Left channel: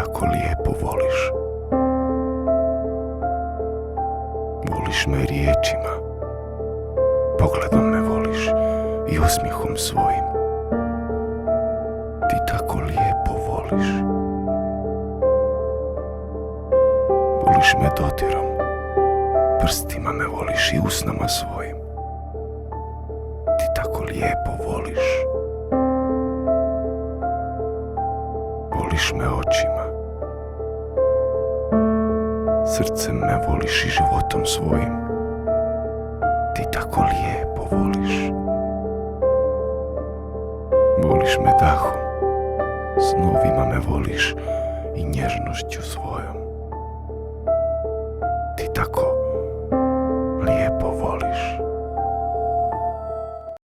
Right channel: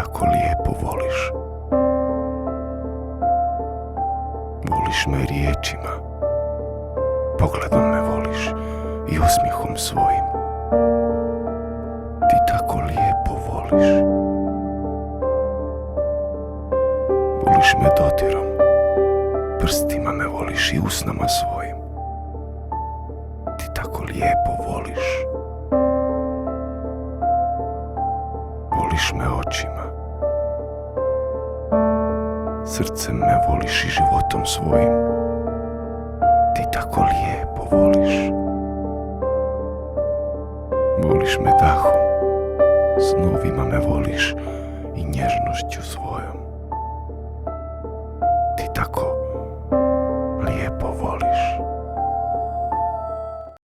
tako lijepo voliš. Voliš me riječima, pogledom me voliš i osmijehom svojim. Ti tako lijepo voliš. Voliš me dodirom, prstima me voliš i usnama svojim. Ti tako lijepo voliš. Voliš me očima, srcem me voliš i životom svojim. Ti tako lijepo voliš. Voliš me dahom, snovima me voliš i nježnošću svojom. Ti tako